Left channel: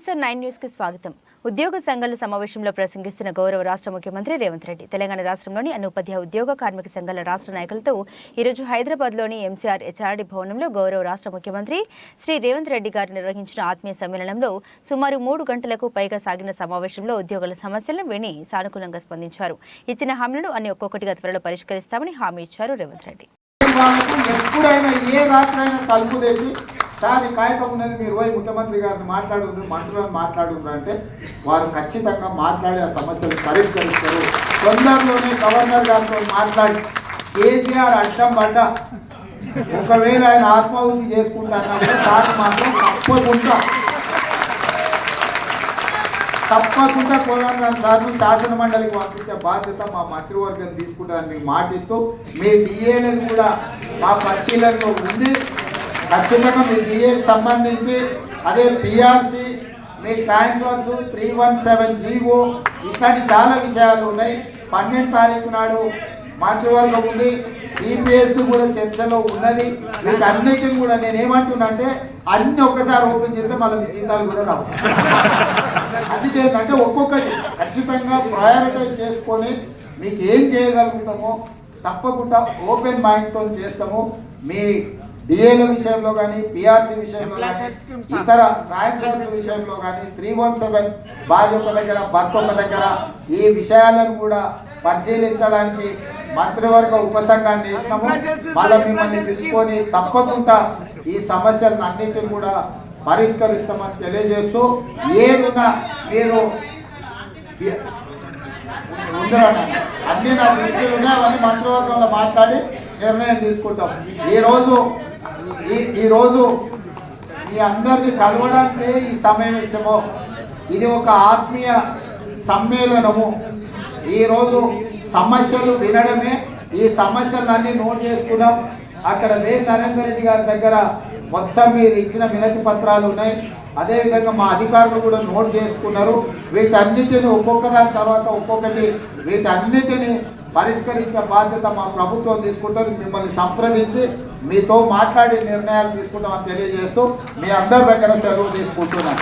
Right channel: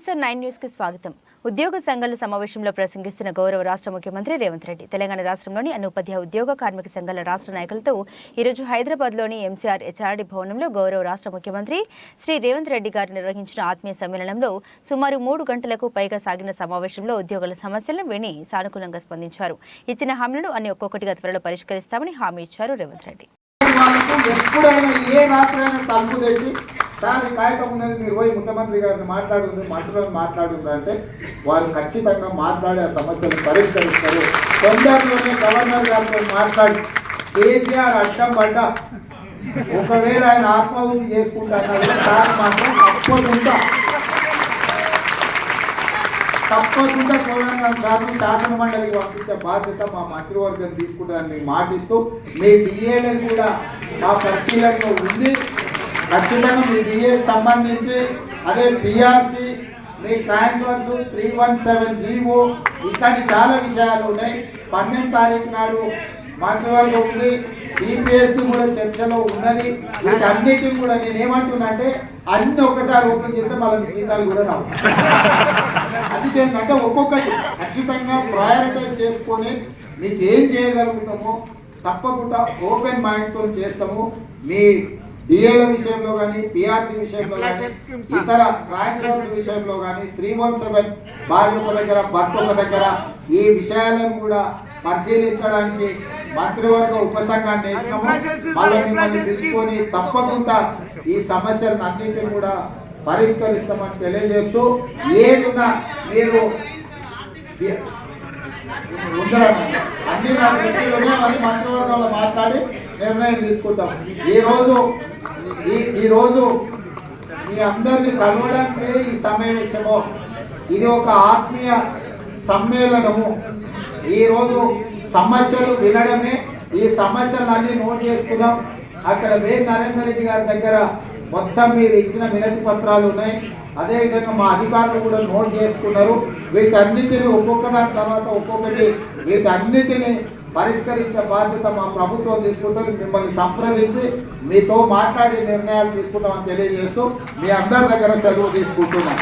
KSR9 news కి స్వాగతం. ఉద్యోగ సంఘాల సమావేశంలో ప్రసంగిస్తున్న గౌరవ రాష్ట్ర ముఖ్యమంత్రి రేవంత్ రెడ్డి తెలంగాణ రాష్ట్రంలోని అన్ని ఉపాధ్యాయ ఉద్యోగ కార్మిక సంఘాల రాష్ట్ర నాయకులతో ఈరోజు హైదరాబాద్లోని MCR HRD భవనంలో గౌరవ రాష్ట్ర ముఖ్యమంత్రి శ్రీ రేవంత్ రెడ్డి గారు నిర్వహించిన ఆత్మీయ సమ్మేళనంలో సుమారు 3 గంటలకు పైగా సాగిన సమావేశంలో ఉద్యోగుల సమస్యలను విని సానుకూలంగా స్పందించారు. ఇచ్చిన హామీలను అన్ని ఒక్కొక్కటిగా త్వరలో పరిష్కరిస్తామని హామీ ఇచ్చారు రేవంత్ రెడ్డి. సార్ కార్యక్రమం అనేది మీరు పోయి ముఖ్యమంత్రి గారిని మాట్లాడుందా అంటే వారు ఖచ్చితంగా మాట్లాడే సమస్యలు పరిష్కరిస్తారు. తొందరలోనే గవర్నర్ గారితో మాట్లాడి కేసీఆర్ అడ్డం పడ్డ ఒకవేళ ఆయన ఆత్మాహుతి చేసుకుంటారు సార్ మాత్రం తప్పకుండా తెలంగాణ సార్లు శాసన మండలికి పంపించే బాధ్యత మా మంత్రివర్గం తీసుకుంటారని మాటిస్తూ మీ డిఏలను కూడా మా పరిశీలనలో ఉంది. ఖచ్చితంగా మీ డిఏకి సంబంధించి అదే పిఆర్సి మీ ట్రాన్స్ఫర్స్ 317 జీవో ఇట్లాంటి చాలా విషయాలు ఉన్నాయి. 12 తారీఖు నాడు మంత్రివర్గం ఉంది. సిపిఎస్ కూడా చర్చలో ఉన్నది. వీటన్నిటిని కూడా నేను ఏమంటున్నా అంటే అన్ని ఒక్కసారి ఓపెన్ చేస్తే మళ్ళీ జీతాలు కూడా రావు. అది ఏంటంటే ఒక్కొక్కటి ఖచ్చితంగా ప్రయారిటైజ్ చేసుకొని మీకు ఏం చేయగలుగుతామో తప్పకుండా ఓపెన్ మైండ్తో చేస్తాము. మీ డిఏల విషయంలో కానీ పిఆర్సీ విషయంలో కానీ ఇతర ట్రాన్స్ఫర్స్ విషయంలో కానీ 317 భార్య ఒక దగ్గర భర్త ఒక దగ్గర ఈ విషయాలను కూడా పరిశీలించడానికి మంత్రివర్గ ఉపసంఘాన్ని వేసినాము. వాళ్ళని తెచ్చుకొని తప్పకుండా ఈ సమస్యలను అన్నింటినీ కూడా పరిష్కరిస్తామని తెలియజేస్తూ ఏదైనా మీరు అన్ని నా దృష్టిలో మళ్ళీ మంత్రివర్గంలో మాట్లాడి నిర్ణయం తీసుకుంటాం. ఈరోజు మీ అందరినీ కలవడానికి ఈ సమావేశము ఇది ఒక ఆత్మీయ సమ్మేళనము. ఈరోజు సమస్యలు వినడమే, ఈ సమస్యలన్నీ నోట్ చేసుకున్నాం. అక్కడ నరేందర్ రెడ్డి గారి దగ్గర మొత్తం మీరు ఇచ్చిన వినతి పత్రాలు ఉన్నాయి. అదేవిధంగా మా అధికారులు కూడా నోట్ చేసుకున్నారు. వీటన్నిటిని ఒక్కొక్కదాని తర్వాత ఒక్కొక్కటి వీటన్నిటిని పరిష్కరించే బాధ్యత మా ప్రభుత్వం తీసుకుంటుంది. మిమ్మల్ని సంప్రదించి మీతో మాట్లాడి నిర్ణయాలు తీసుకుంటామని తెలియజేస్తూ మీ అందరి దగ్గర సెలవు తీసుకుంటున్నాం.